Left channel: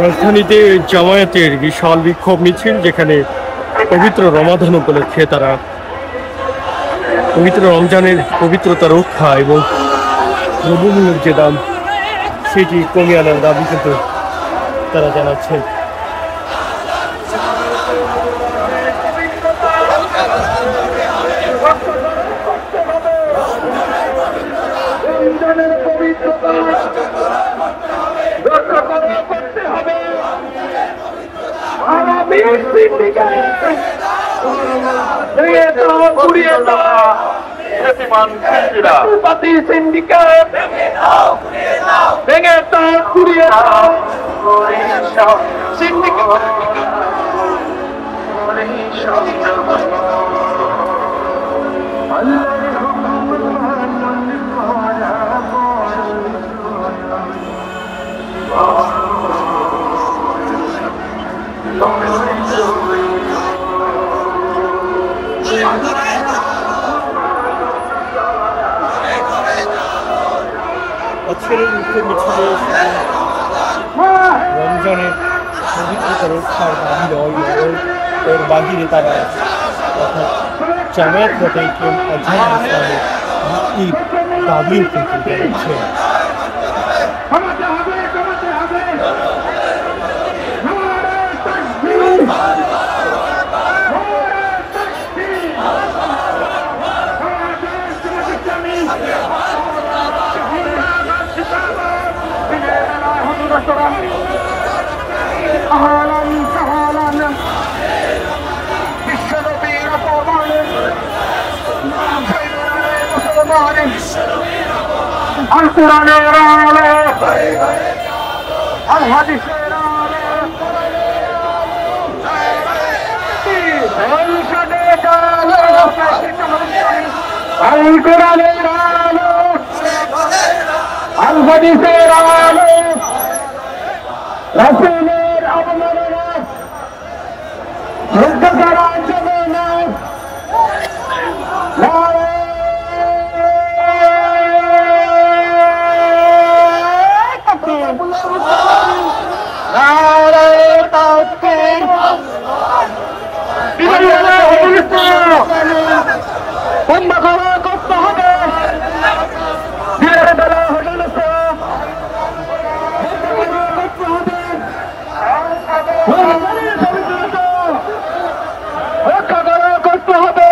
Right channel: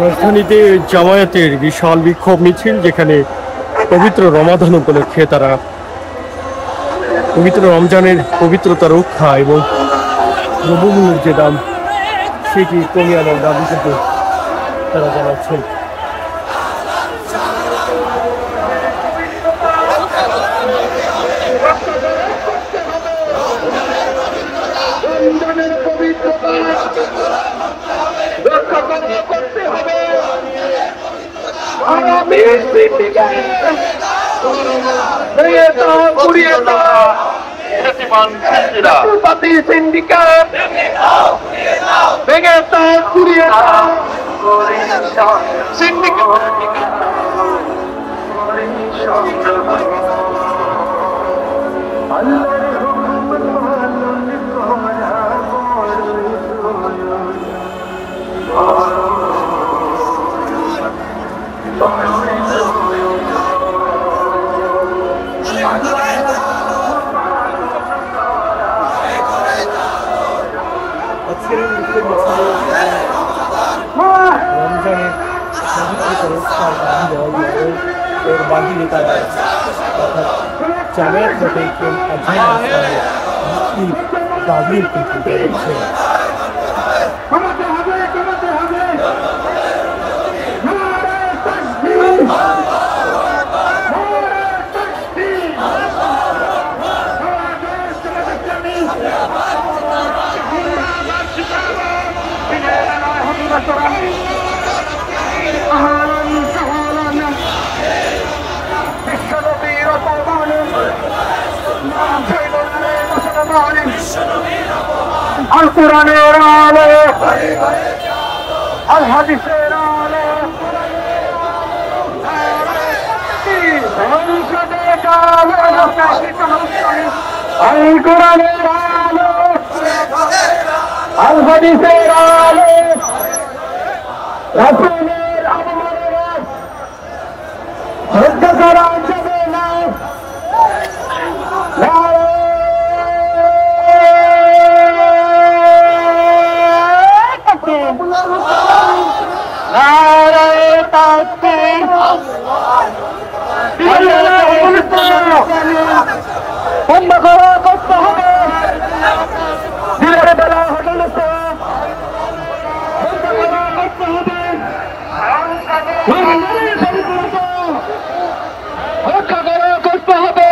রাজধানীতে জামায়াতের বিশাল বিক্ষোভ মিছিল, যেখানে পবিত্র রমাদান উপলক্ষে তারা পবিত্র রমজানের পবিত্রতা রক্ষা এবং দ্রব্যমূল্যের যে দাম সেটি কমিয়ে আনার দাবি কিন্তু তারা জানাচ্ছেন। রমজানের পবিত্রতা রক্ষার দাবি ওর বাকি নেতারা অর্থাৎ জামায়াত দাবিও কিন্তু জানাচ্ছে। আল কোরআনের আলো, আল হাদিসের আলো, আল কোরআনের আলো, আল হাদিসের আলো, রাসূলের আমলে রক্ষা করা যাবে না। করতে হবে রক্ষা করা করতে হবে।